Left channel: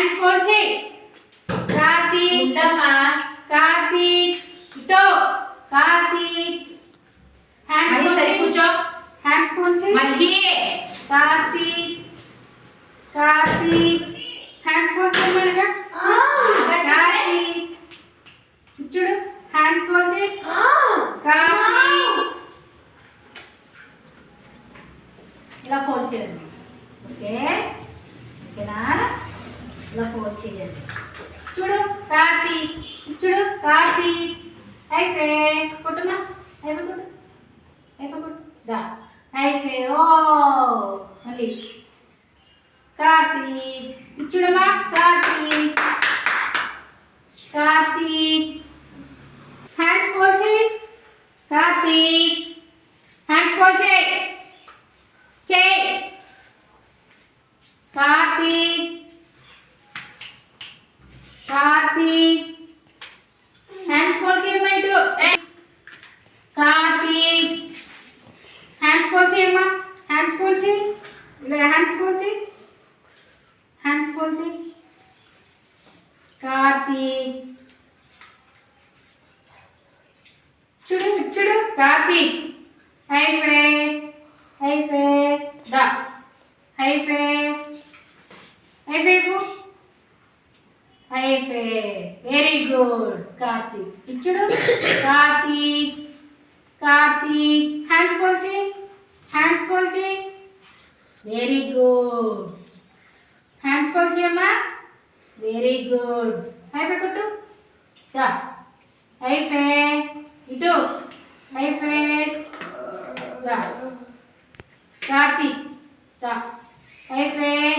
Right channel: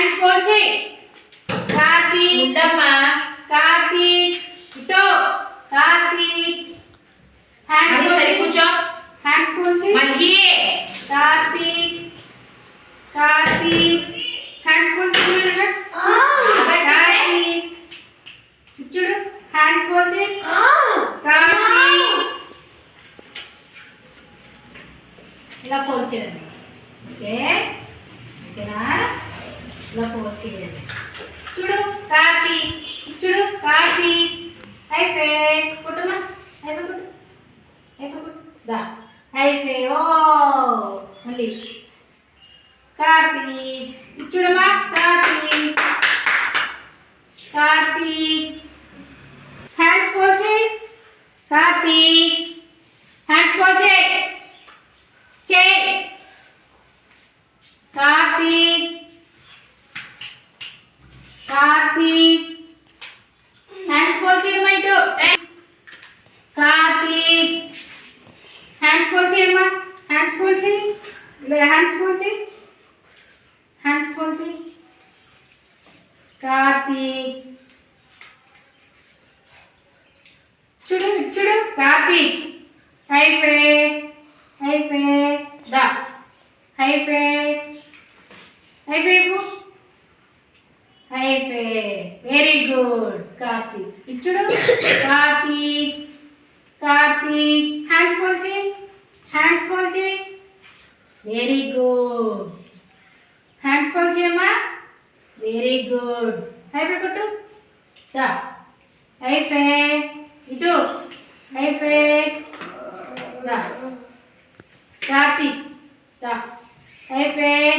Hands fold చేయి. కార్తీక్ ఉండమ్మా. కార్తీక్ ఇటో కార్తీక్ హ్యాండ్స్ మళ్ళీ ఫోల్డ్ సరి చేయి. కూర్చో. హ్యాండ్స్ ఫోల్డ్ చేయి. మళ్ళీ కార్తీక్ కార్తీక్ హ్యాండ్స్ ఫోల్డ్ చేయమనగా. కార్తీక్ చూడు హ్యాండ్స్ ఫోల్డ్ చేయి. కార్తీక్ ఇలా ఫోల్డ్ చేయండి. ఓకే ఓకేనా? ఇలా ఫోల్డ్ చేయండి. చూడు కార్తీక్ చూడు కార్తీక్ అయిపోయి కొట్టుమా అయిపోయి కొట్టు అయిపోయి కొట్టు దా అయిపోయి ఓ మళ్ళీ కార్తీక్ చూడమా కార్తీక్ కార్తీక్ హ్యాండ్స్ ఫోల్డ్ చేయి. కార్తీక్ హ్యాండ్స్ ఫోల్డ్ చేయి చేయి. కార్తీక్ కార్తీక్ హ్యాండ్స్ ఫోల్డ్ చేయమ్మా ఇటు. కార్తీక్ హ్యాండ్స్ ఫోల్డ్ చేయమ్మా. హ్యాండ్స్ ఫోల్డ్ చేయి. హ్యాండ్స్ ఫోల్డ్ చేయి. హ్యాండ్స్ ఫోల్డ్ చేయి. కార్తీక్ చూడు చూడు కార్తీక్ అయిపోయి అయిపోయి దా అయిపోయి అయిపోయి అయిపోయి వెరీ గుడ్ కార్తీక్ ఇచ్చుడు. కార్తీక్ కార్తీక్ హ్యాండ్స్ ఫోల్డ్ చేయి. హ్యాండ్స్ ఫోల్డ్ చేయి. వెరీ గుడ్ హ్యాండ్స్ ఫోల్డ్ చేయమ్మా. వెరీ గుడ్ అయిపోయి కొట్టు దా అయిపోయి ఇటు అయిపోయి దా కార్తీక్ దా అయిపోయి